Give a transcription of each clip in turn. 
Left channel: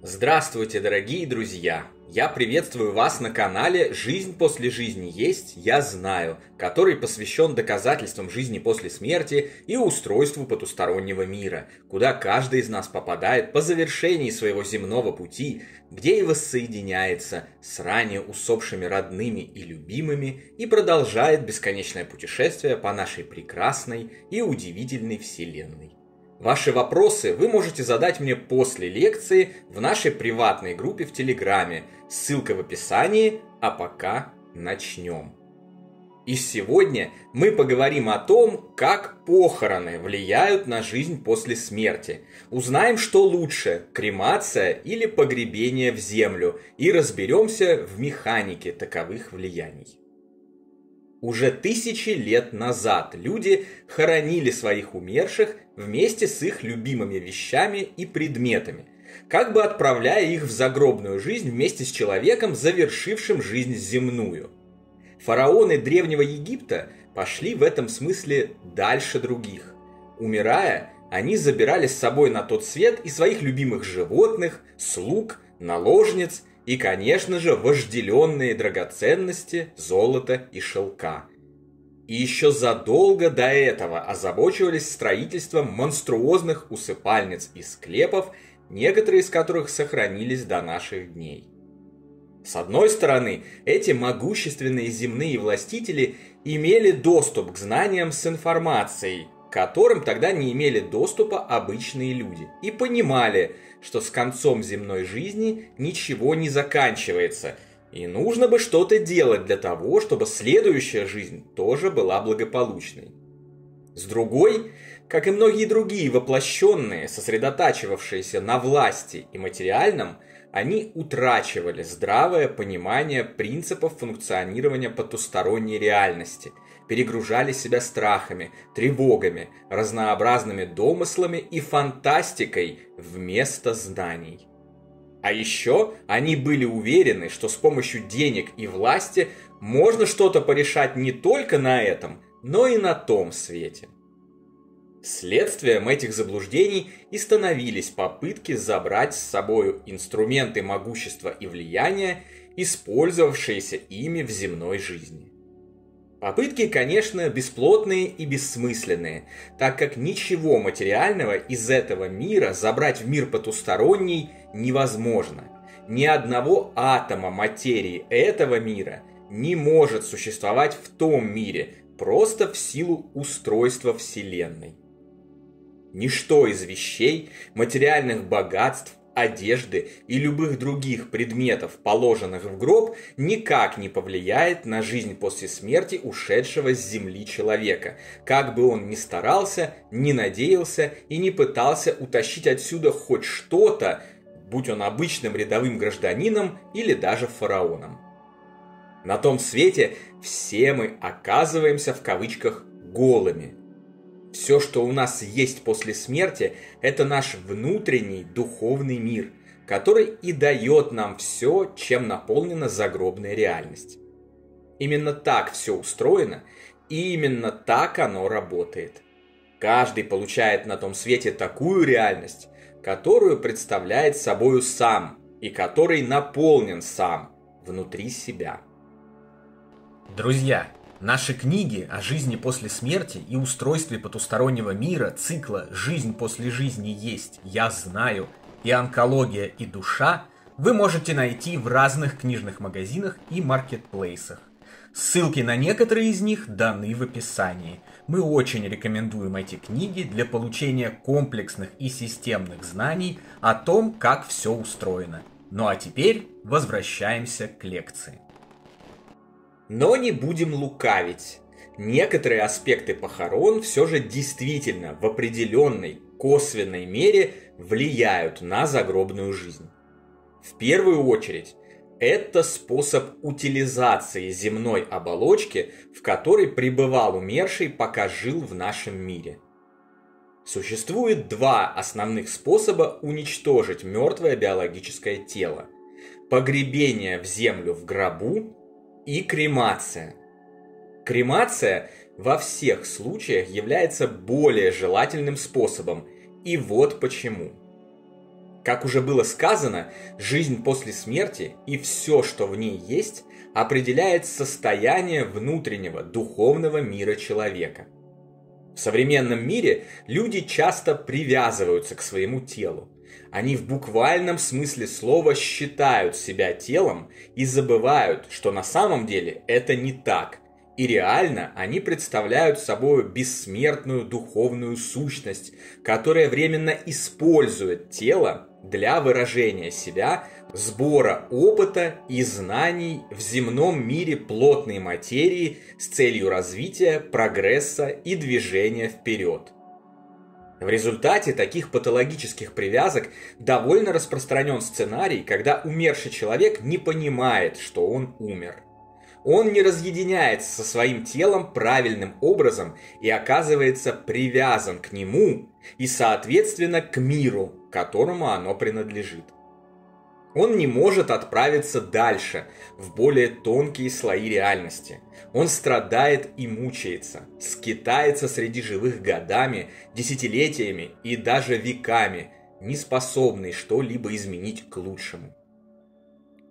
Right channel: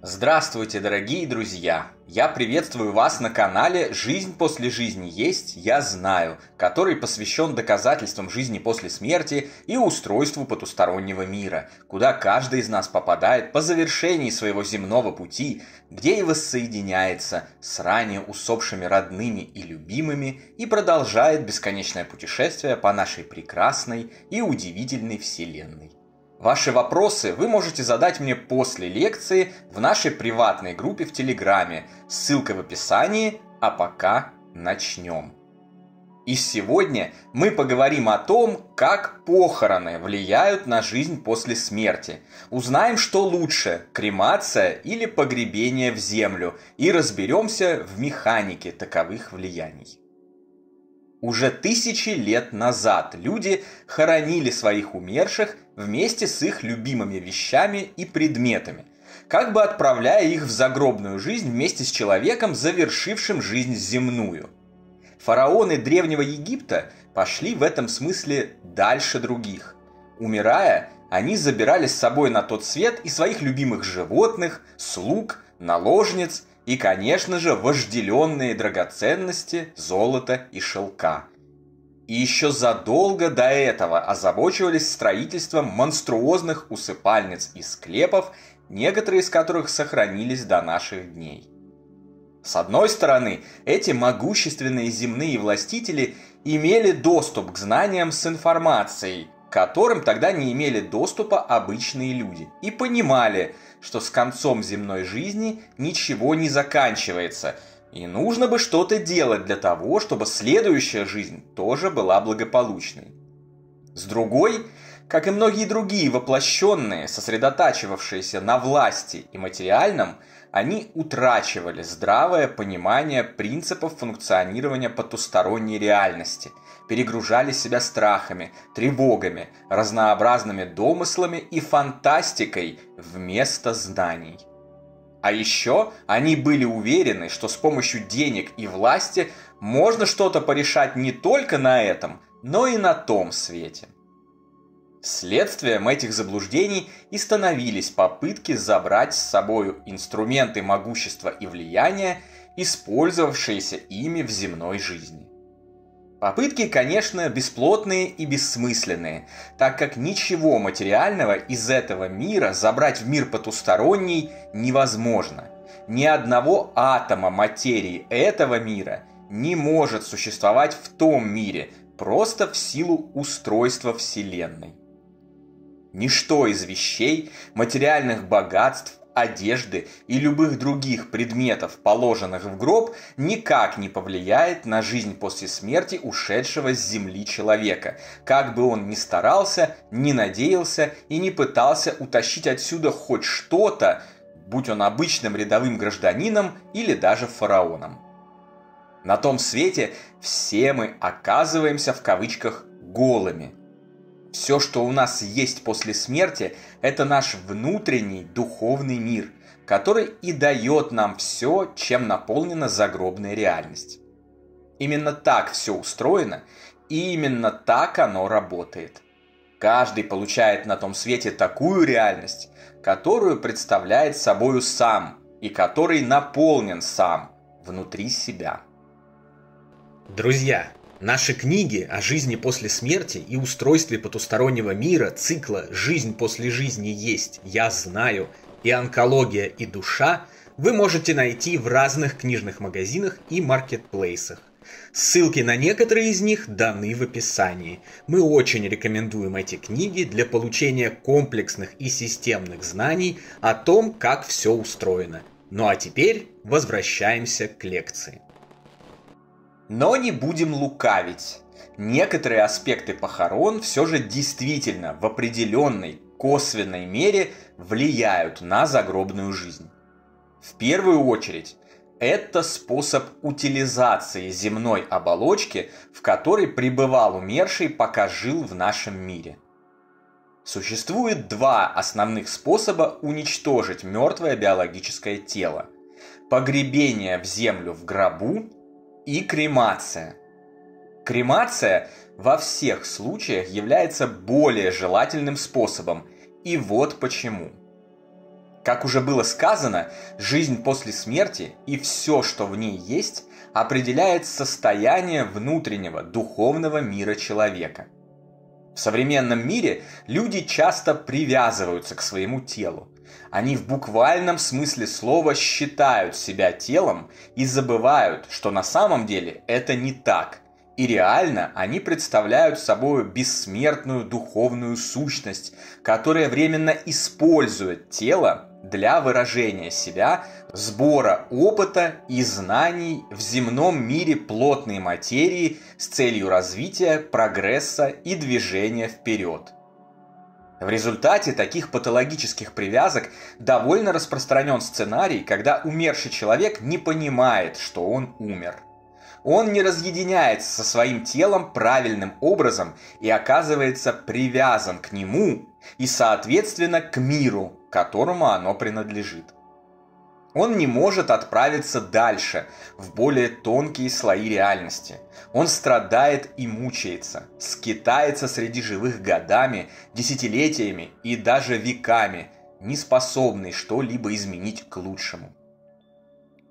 Здравствуйте, дорогие друзья! Я приветствую вас на канале «Жизнь после жизни есть, я знаю», который посвящен доказательствам жизни после смерти и устройству потустороннего мира, куда каждый из нас попадает по завершении своего земного пути, где и воссоединяется с ранее усопшими родными и любимыми и продолжает бесконечное путешествие по нашей прекрасной и удивительной вселенной. Ваши вопросы вы можете задать мне после лекции в нашей приватной группе в Телеграме, ссылка в описании, а пока начнем. И сегодня мы поговорим о том, как похороны влияют на жизнь после смерти. Узнаем, что лучше – кремация или погребение в землю, и разберемся в механике таковых влияний. Уже тысячи лет назад люди хоронили своих умерших вместе с их любимыми вещами и предметами, как бы отправляя их в загробную жизнь вместе с человеком, завершившим жизнь земную. Фараоны Древнего Египта пошли в этом смысле дальше других. Умирая, они забирали с собой на тот свет и своих любимых животных, слуг, наложниц, и, конечно же, вожделенные драгоценности, золото и шелка. И еще задолго до этого озабочивались строительством монструозных усыпальниц и склепов, некоторые из которых сохранились до наших дней. С одной стороны, эти могущественные земные властители имели доступ к знаниям с информацией, к которым тогда не имели доступа обычные люди, и понимали, что с концом земной жизни ничего не заканчивается, и нужно бы что-то делать для того, чтобы следующая жизнь тоже была благополучной. С другой, как и многие другие воплощенные, сосредотачивавшиеся на власти и материальном, они утрачивали здравое понимание принципов функционирования потусторонней реальности, перегружали себя страхами, тревогами, разнообразными домыслами и фантастикой вместо знаний. А еще они были уверены, что с помощью денег и власти можно что-то порешать не только на этом, но и на том свете. Следствием этих заблуждений и становились попытки забрать с собой инструменты могущества и влияния, использовавшиеся ими в земной жизни. Попытки, конечно, бесплотные и бессмысленные, так как ничего материального из этого мира забрать в мир потусторонний невозможно. Ни одного атома материи этого мира не может существовать в том мире, просто в силу устройства Вселенной. Ничто из вещей, материальных богатств, одежды и любых других предметов, положенных в гроб, никак не повлияет на жизнь после смерти ушедшего с земли человека, как бы он ни старался, ни надеялся и не пытался утащить отсюда хоть что-то, будь он обычным рядовым гражданином или даже фараоном. На том свете все мы оказываемся в кавычках «голыми». Все, что у нас есть после смерти, это наш внутренний духовный мир, который и дает нам все, чем наполнена загробная реальность. Именно так все устроено, и именно так оно работает. Каждый получает на том свете такую реальность, которую представляет собою сам, и который наполнен сам, внутри себя. Друзья, наши книги о жизни после смерти и устройстве потустороннего мира, цикла «Жизнь после жизни есть, я знаю» и «Онкология и душа» вы можете найти в разных книжных магазинах и маркетплейсах. Ссылки на некоторые из них даны в описании. Мы очень рекомендуем эти книги для получения комплексных и системных знаний о том, как все устроено. Ну а теперь возвращаемся к лекции. Но не будем лукавить. Некоторые аспекты похорон все же действительно в определенной косвенной мере влияют на загробную жизнь. В первую очередь, это способ утилизации земной оболочки, в которой пребывал умерший, пока жил в нашем мире. Существует два основных способа уничтожить мертвое биологическое тело: погребение в землю в гробу и кремация. Кремация во всех случаях является более желательным способом, и вот почему. Как уже было сказано, жизнь после смерти и все, что в ней есть, определяет состояние внутреннего духовного мира человека. В современном мире люди часто привязываются к своему телу. Они в буквальном смысле слова считают себя телом и забывают, что на самом деле это не так. И реально они представляют собой бессмертную духовную сущность, которая временно использует тело для выражения себя, сбора опыта и знаний в земном мире плотной материи с целью развития, прогресса и движения вперед. В результате таких патологических привязок довольно распространен сценарий, когда умерший человек не понимает, что он умер. Он не разъединяется со своим телом правильным образом и оказывается привязан к нему и, соответственно, к миру, которому оно принадлежит. Он не может отправиться дальше, в более тонкие слои реальности. Он страдает и мучается, скитается среди живых годами, десятилетиями и даже веками, не способный что-либо изменить к лучшему.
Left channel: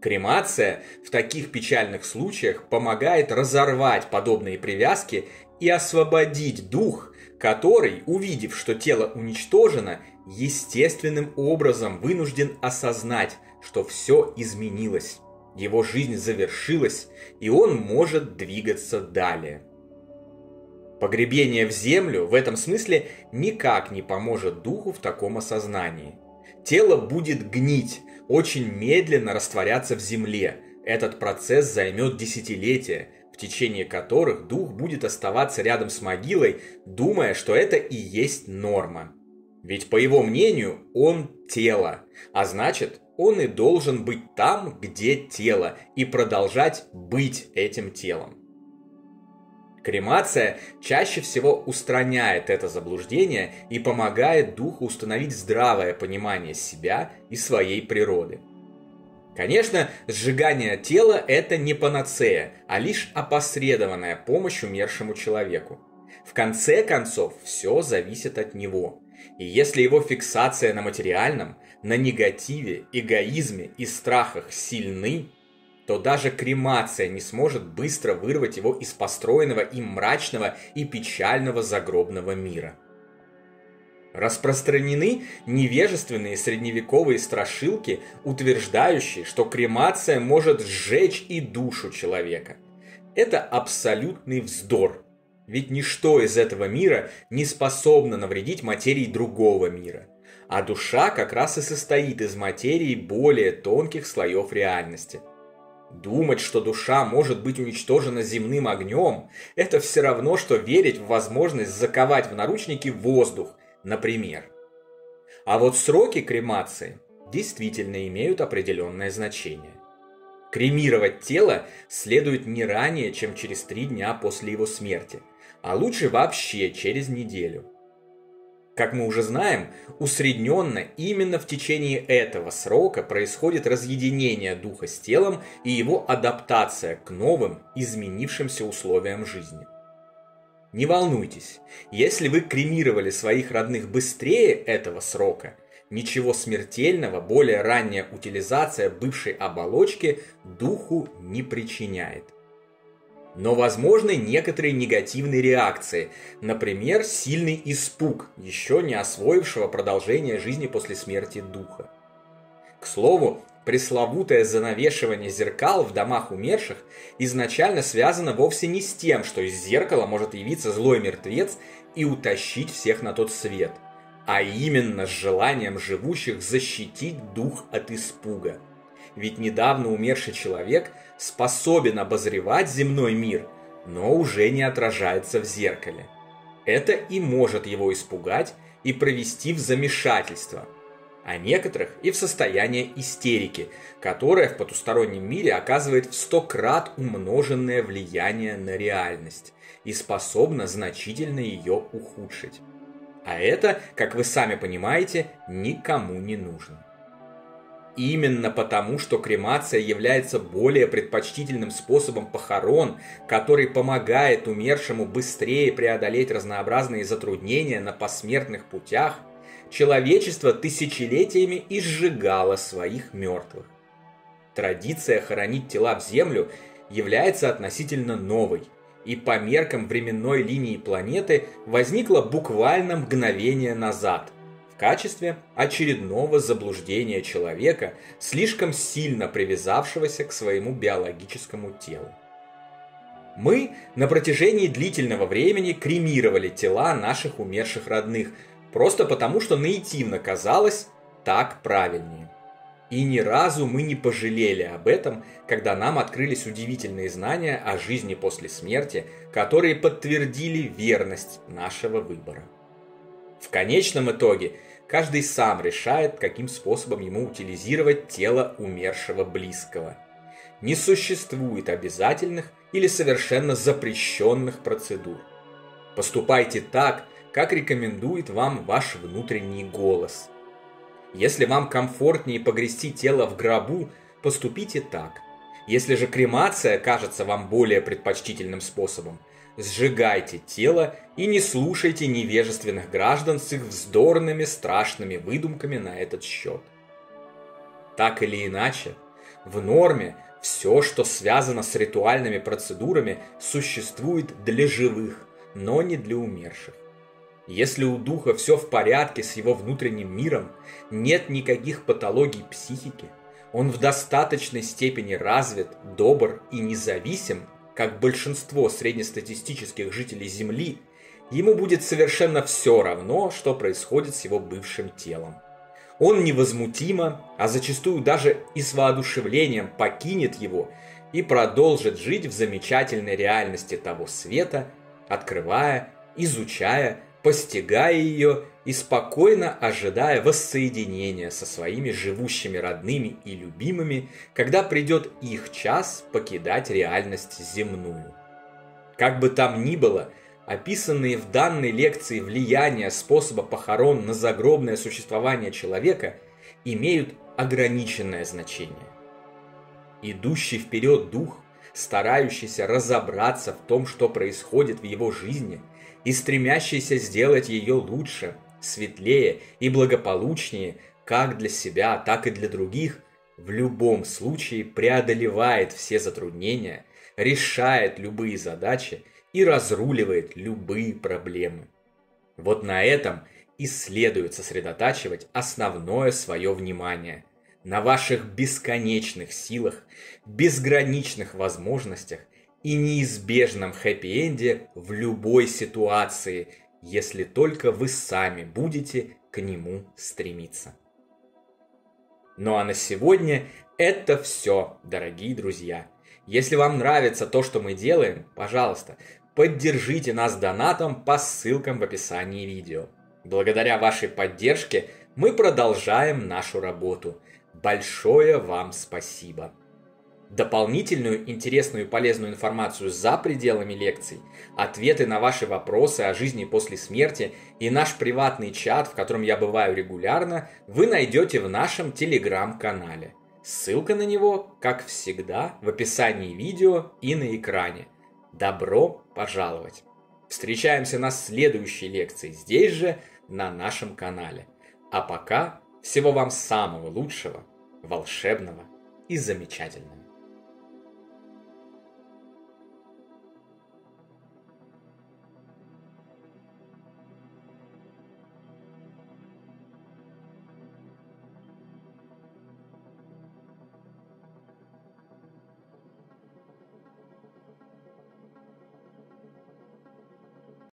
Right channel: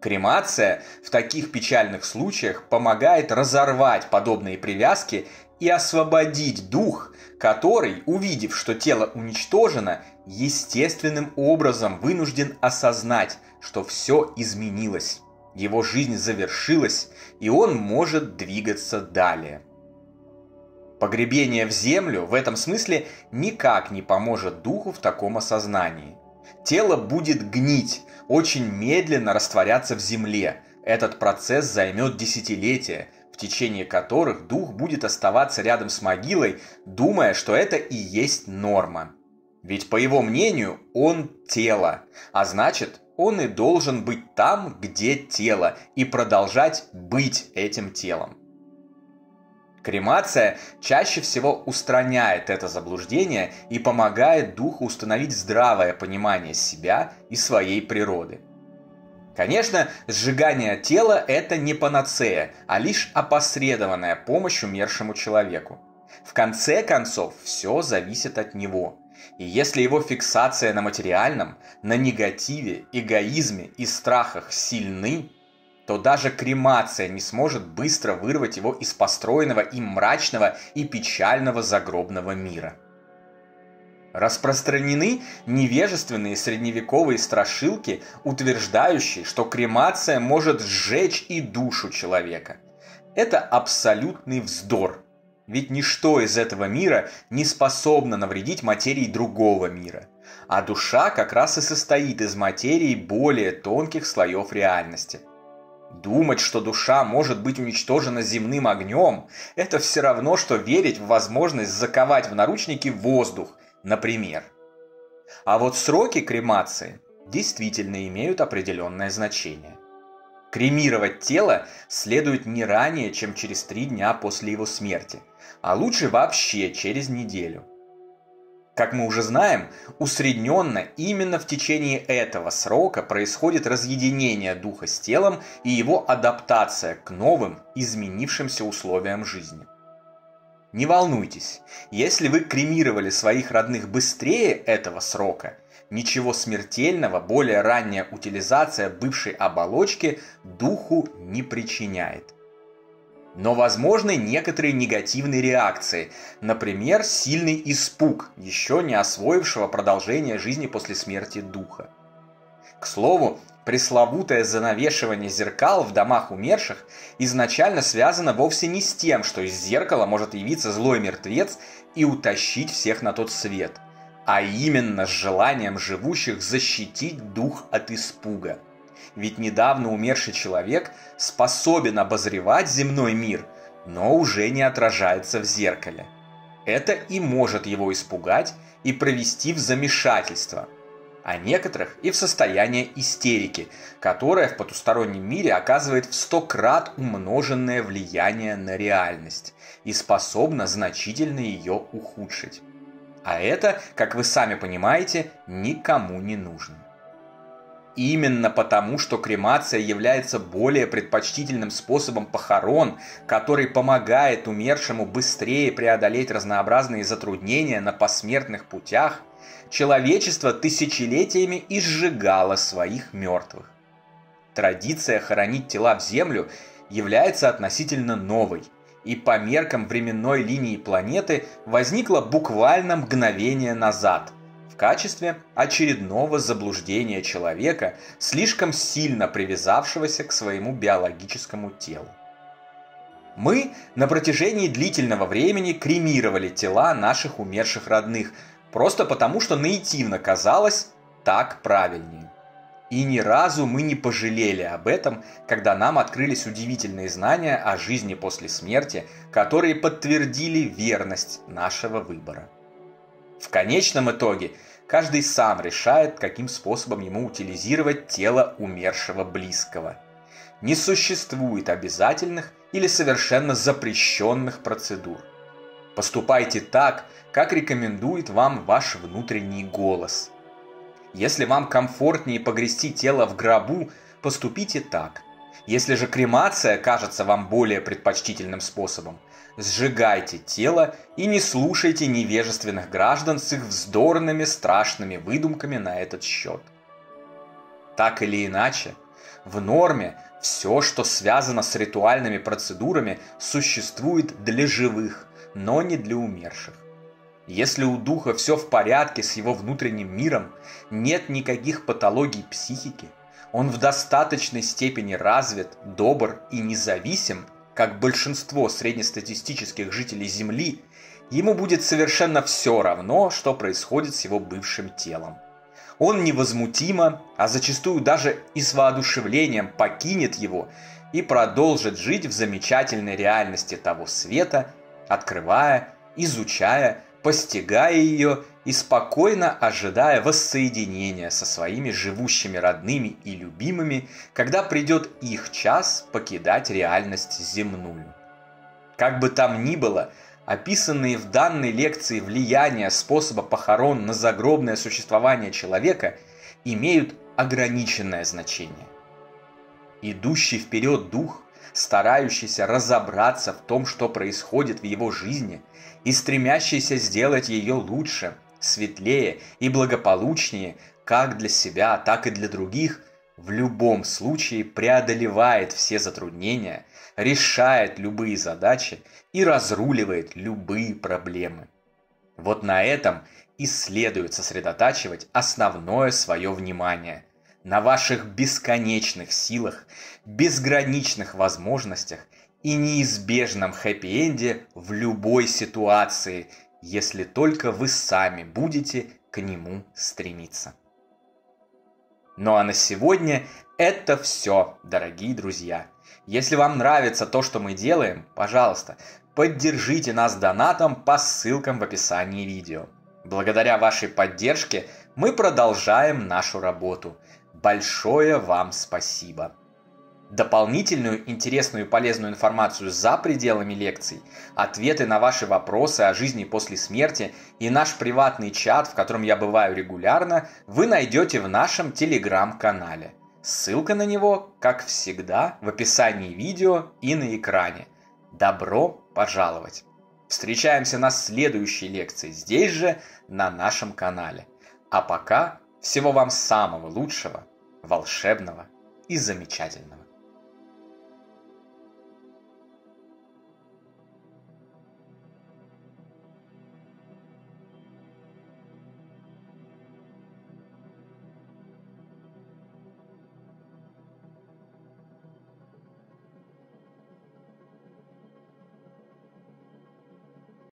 Кремация в таких печальных случаях помогает разорвать подобные привязки и освободить дух, который, увидев, что тело уничтожено, естественным образом вынужден осознать, что все изменилось, его жизнь завершилась, и он может двигаться далее. Погребение в землю в этом смысле никак не поможет духу в таком осознании. Тело будет гнить, очень медленно растворяться в земле. Этот процесс займет десятилетия, в течение которых дух будет оставаться рядом с могилой, думая, что это и есть норма. Ведь, по его мнению, он тело, а значит, он и должен быть там, где тело, и продолжать быть этим телом. Кремация чаще всего устраняет это заблуждение и помогает духу установить здравое понимание себя и своей природы. Конечно, сжигание тела – это не панацея, а лишь опосредованная помощь умершему человеку. В конце концов, все зависит от него. И если его фиксация на материальном, на негативе, эгоизме и страхах сильны, то даже кремация не сможет быстро вырвать его из построенного им мрачного и печального загробного мира. Распространены невежественные средневековые страшилки, утверждающие, что кремация может сжечь и душу человека. Это абсолютный вздор, ведь ничто из этого мира не способно навредить материи другого мира, а душа как раз и состоит из материи более тонких слоев реальности. Думать, что душа может быть уничтожена земным огнем, это все равно, что верить в возможность заковать в наручники воздух, например. А вот сроки кремации действительно имеют определенное значение. Кремировать тело следует не ранее, чем через 3 дня после его смерти, а лучше вообще через неделю. Как мы уже знаем, усредненно именно в течение этого срока происходит разъединение духа с телом и его адаптация к новым, изменившимся условиям жизни. Не волнуйтесь, если вы кремировали своих родных быстрее этого срока, ничего смертельного более ранняя утилизация бывшей оболочки духу не причиняет. Но возможны некоторые негативные реакции, например, сильный испуг еще не освоившего продолжение жизни после смерти духа. К слову, пресловутое занавешивание зеркал в домах умерших изначально связано вовсе не с тем, что из зеркала может явиться злой мертвец и утащить всех на тот свет, а именно с желанием живущих защитить дух от испуга. Ведь недавно умерший человек способен обозревать земной мир, но уже не отражается в зеркале. Это и может его испугать и провести в замешательство, а некоторых и в состояние истерики, которое в потустороннем мире оказывает в 100 крат умноженное влияние на реальность и способно значительно ее ухудшить. А это, как вы сами понимаете, никому не нужно. Именно потому, что кремация является более предпочтительным способом похорон, который помогает умершему быстрее преодолеть разнообразные затруднения на посмертных путях, Человечество тысячелетиями изжигало своих мертвых. Традиция хоронить тела в землю является относительно новой, и по меркам временной линии планеты возникла буквально мгновение назад, в качестве очередного заблуждения человека, слишком сильно привязавшегося к своему биологическому телу. Мы на протяжении длительного времени кремировали тела наших умерших родных, просто потому, что наитивно казалось так правильнее. И ни разу мы не пожалели об этом, когда нам открылись удивительные знания о жизни после смерти, которые подтвердили верность нашего выбора. В конечном итоге, каждый сам решает, каким способом ему утилизировать тело умершего близкого. Не существует обязательных или совершенно запрещенных процедур. Поступайте так, как рекомендует вам ваш внутренний голос. Если вам комфортнее погрести тело в гробу, поступите так. Если же кремация кажется вам более предпочтительным способом, сжигайте тело и не слушайте невежественных граждан с их вздорными страшными выдумками на этот счет. Так или иначе, в норме все, что связано с ритуальными процедурами, существует для живых, но не для умерших. Если у духа все в порядке с его внутренним миром, нет никаких патологий психики, он в достаточной степени развит, добр и независим, как большинство среднестатистических жителей Земли, ему будет совершенно все равно, что происходит с его бывшим телом. Он невозмутимо, а зачастую даже и с воодушевлением покинет его и продолжит жить в замечательной реальности того света, открывая, изучая, постигая ее и спокойно ожидая воссоединения со своими живущими родными и любимыми, когда придет их час покидать реальность земную. Как бы там ни было, описанные в данной лекции влияния способа похорон на загробное существование человека имеют ограниченное значение. Идущий вперед дух, старающийся разобраться в том, что происходит в его жизни, и стремящийся сделать ее лучше, светлее и благополучнее как для себя, так и для других, в любом случае преодолевает все затруднения, решает любые задачи и разруливает любые проблемы. Вот на этом и следует сосредотачивать основное свое внимание, на ваших бесконечных силах, безграничных возможностях и неизбежном хэппи-энде в любой ситуации, если только вы сами будете к нему стремиться. Ну а на сегодня это все, дорогие друзья. Если вам нравится то, что мы делаем, пожалуйста, поддержите нас донатом по ссылкам в описании видео. Благодаря вашей поддержке мы продолжаем нашу работу. Большое вам спасибо! Дополнительную интересную и полезную информацию за пределами лекций, ответы на ваши вопросы о жизни после смерти и наш приватный чат, в котором я бываю регулярно, вы найдете в нашем телеграм-канале. Ссылка на него, как всегда, в описании видео и на экране. Добро пожаловать! Встречаемся на следующей лекции здесь же, на нашем канале. А пока всего вам самого лучшего, волшебного и замечательного.